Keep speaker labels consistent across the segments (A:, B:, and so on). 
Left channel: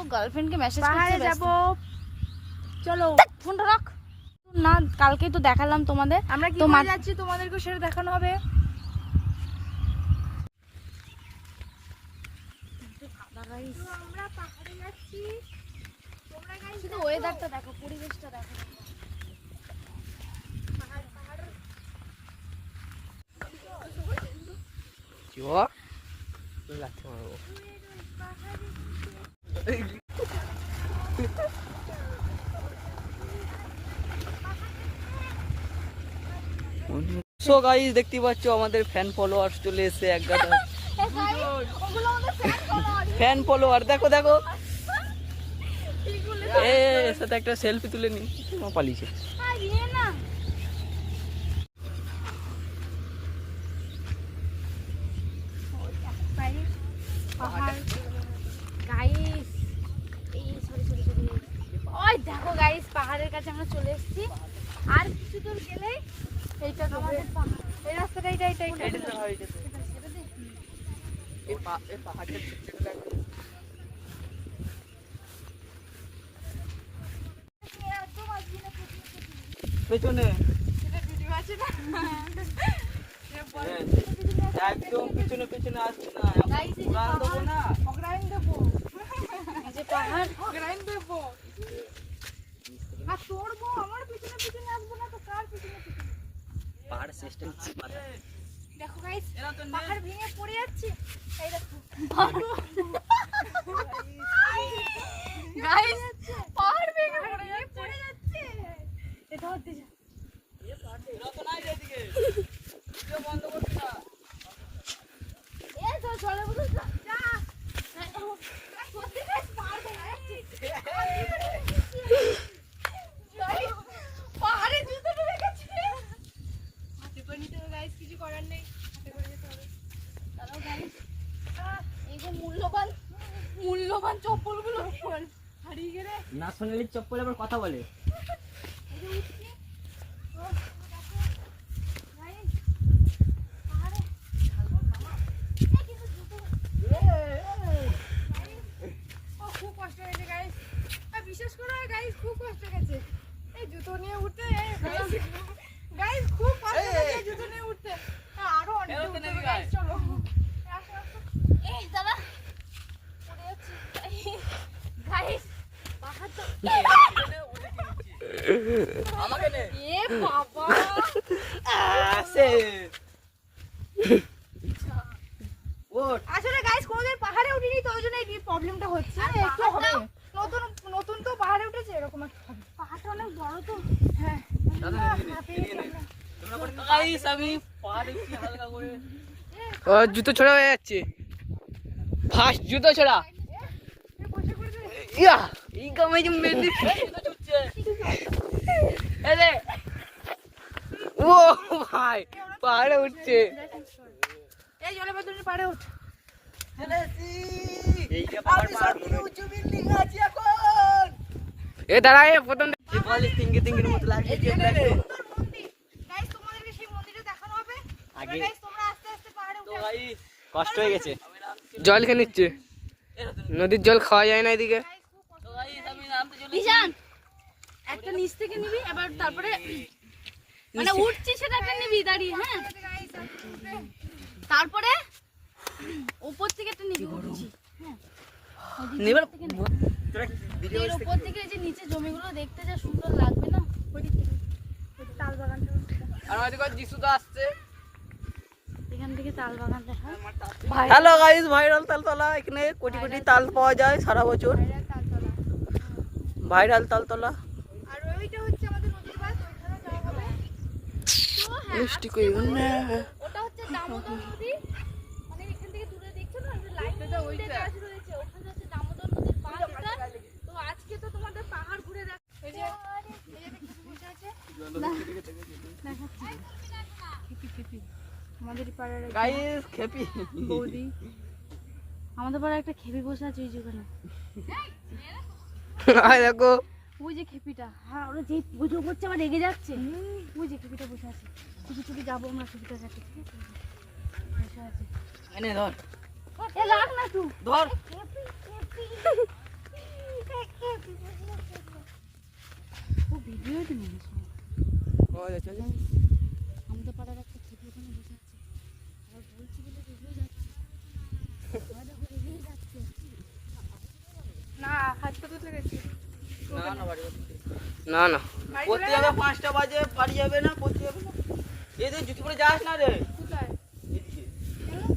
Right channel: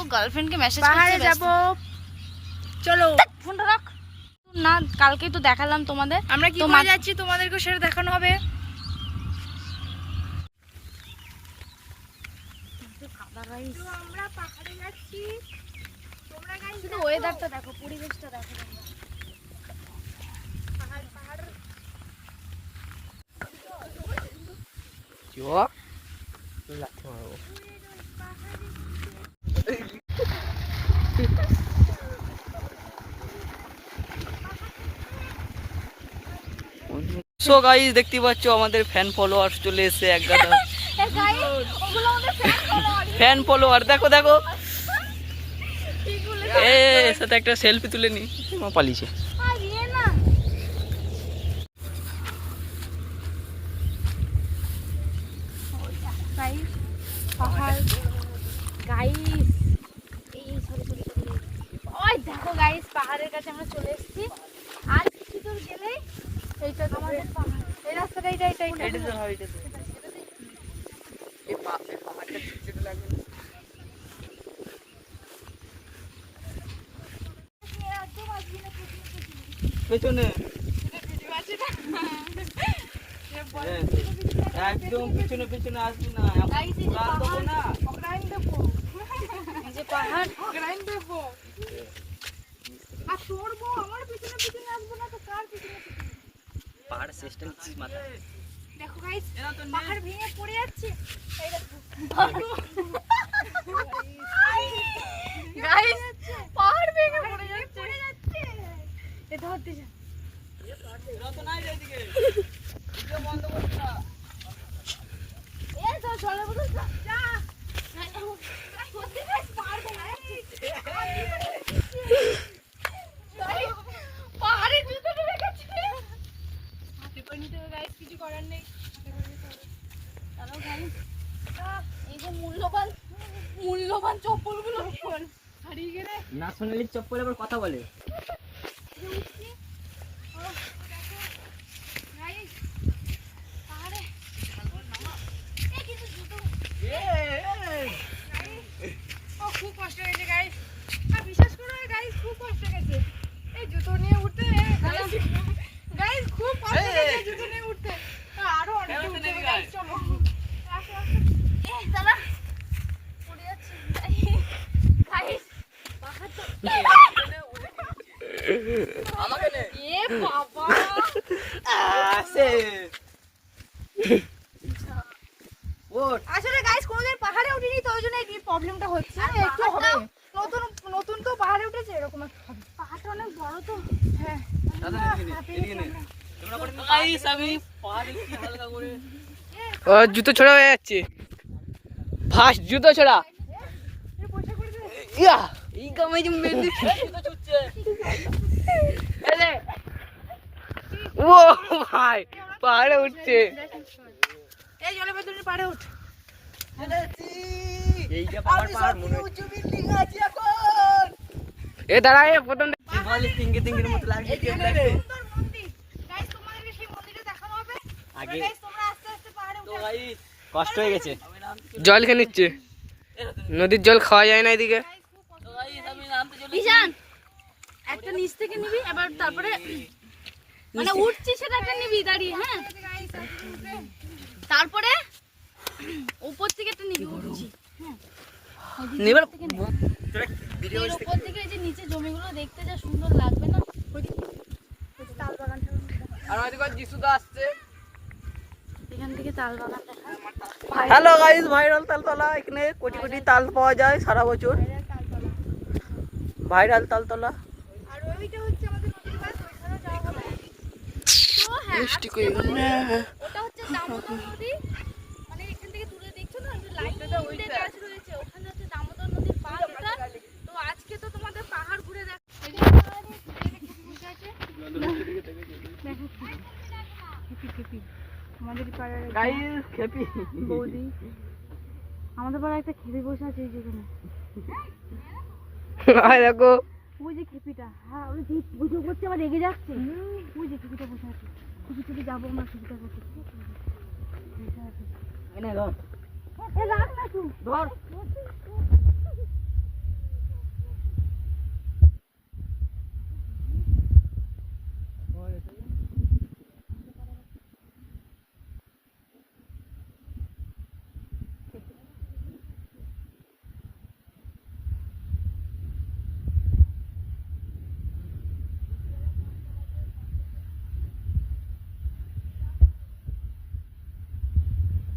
A: তো গার্লফ্রেন্ডকে মেসেজ
B: পাহাড়ে যাব। চলো।
A: ফোনটা রাখ। না কালকেই তো দেখালাম তোমাদের।
B: আমরা কি করে যাচ্ছি? তোমাদেরকে সেটা দেখানো হবে। আমরা পাহাড়ে যাচ্ছি। তোমরা গাইস
A: শুধু ওয়েদারটা দেখো পরিবেশটা দেখো।
B: পাহাড় পাহাড়
C: সো গাইস দেখতে পাচ্ছ আমাদের ফ্যান ফলোয়ার চলে এসে এক গাদা। ফ্যান ফলোয়ার দেখো দেখো। এ সাথে একটা সেলফি তুলে নি। পালিয়েছে
A: গাইস এই সরি সরি সরি ওই দেখো গাইস পাহাড়ের কাছে আমরা চলে এসেছি। আর কিছু দূর গেলেই এইটা আমাদের পাহাড় এই রাস্তাটা এইটা এইটা এইটা
C: পেছনে। একদম পেছনে পেছনে আসবে না।
A: যে
C: দেবো না।
A: দেবো। যে পাহাড়
B: দেবো। চড়বো আমার পিছনে পিছনে আসব না তো কার পিছনে পিছনে?
C: পাহাড় সিস্টেম
B: দেখো গাইস পাহাড় ভেঙে পড়ে যাচ্ছে। এই দেখো
A: গাইস পাহাড় ভেঙে পড়ে যাচ্ছে
B: পড়ে যাচ্ছে এটা হচ্ছে যা। এই তো চলে বলো যা যা। সত্যি guys, পাহাড় ভেঙে যাচ্ছে। পাহাড়ে জুতো ঢুকে গেছে। হাতে করে নিতে হবে guys, কিছু করার নেই হাতে করে নিতে হবে।
A: চলো guys, আহ, এই যে মূল্যবান মূল্যবান চপ্পলগুলো
B: হারিয়ে গেলে
C: না চপ্পল আবার কথা বলে
B: এই যে উঠছি। ও, দেখো। Guys, পাহাড়ে। এই কিন্তু জুতো ও খুব কষ্ট হয়েছে গাইস আর বিশ্বাস করো গাইস খুব কষ্ট গেছে এই জুতো নিয়ে উঠতে গাইস খুব কষ্ট গেছে জুতো নিয়ে উঠতে তা আরও অনেক
C: ফেরত
B: উঠতে
C: নিবি,
B: গাইস
C: guys।
B: চলো আসো, আসো।
A: এই দাদা পড়ে যাচ্ছে গাইস পাহাড় তো
C: আমাকে নে
A: এ বাবা
C: আসে ওঠ
B: আসলে গাইস কোনোদিন পাহাড়ে উঠিনি তো ওই জন্য এই প্রবলেমটা হচ্ছে? একটু হবে। নতুন নতুন তো পাহাড়ে উঠেছে এরকম একটা হবে।
A: পাহাড়টা অনেক বড় তো।
B: হ্যাঁ।
C: গাইস আমি পাহাড়ে কি হালকা করে। ও জুতো ছোড়া হয়ে যাচ্ছে। ফার্স্ট জুতো ছোড়া। ইয়া! এলে ও ভাই পাহাড়ে উঠছে।
B: এই জলে তুমি পাড়ে উঠ।
C: এ দাঁড়া এ প্রথম বলে তিঙ্গি তিঙ্গির মতো লাগছে
B: গাইস তোমাদেরকে সেই মন্দিরটা দেখানো হবে।
C: আগে।
B: গাইস তোমরা আস্তে আস্তে পাহাড়ে উঠে
C: কষ্ট হয়ে গেছে। জল খেয়ে নিচ্ছে। নদীর জল খাওয়া যায় না এদিকে।
A: একটা নিচ থেকে নিবি এবার তারপরে মানে উঠছি সেটা একটা নিবি দাঁড়িয়ে হ্যাঁ? তারপরে উপর থেকে একটা নিবি উঠছি
C: নিবার
A: এর উপর থেকে যে নিচে জমিগুলো দেখতে যা সুন্দর লাগবে না?
B: তাল বাগানটা
C: যিশু আসছে
A: দেখায়
C: হ্যালো গাইস ভাইরাল তালতলা এখানে কোটি কোটি তাল পাওয়া যায় সারা বছর। ভাইরাল তালতলা
B: আর ওইটা হচ্ছে আমাদের নদীর বাস ওইখানে যাওয়া হবে তো হ্যাঁ
C: মিষ্টি কই না।
A: ওটা হচ্ছে দামোদর নদী। মানে এখান থেকে দূরে দেখছ না? ওই যে লাইন গাছ রয়েছে ওখানে হচ্ছে দামোদর নদীর তো আজকে তো তোমাদের পাহাড় ঘুরে দেখ এই যে। বসে আছে।
B: আমাদের পাড়ার
C: গাইস খেপি।
B: বৌদি।
A: আমাদের পাড়ায় একটা খেপি বসে আছে ওই যেখানে
C: আয় দেখো।
A: ওই যে খেপিটা। হ্যাঁ ওরা যে পুজো করছে আবার রেগে যাচ্ছে। ওই যে খেপিটা বসে আছে। খুঁজে টুকি যাব আমরা সুবিধা যাচ্ছে
C: এনে ধর।
A: এ রাখ না তুই।
C: ধর।
D: আছে
A: আমাদের পাড়ার একটা ছোট ওখানে
B: না হাত তো
D: না না। বাড়ি না না
C: পাঁচটা বাজে পারি যাবে না প্রতি যাবে না এদের জুতি পরে যাস না রে।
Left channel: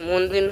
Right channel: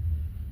D: মন্দির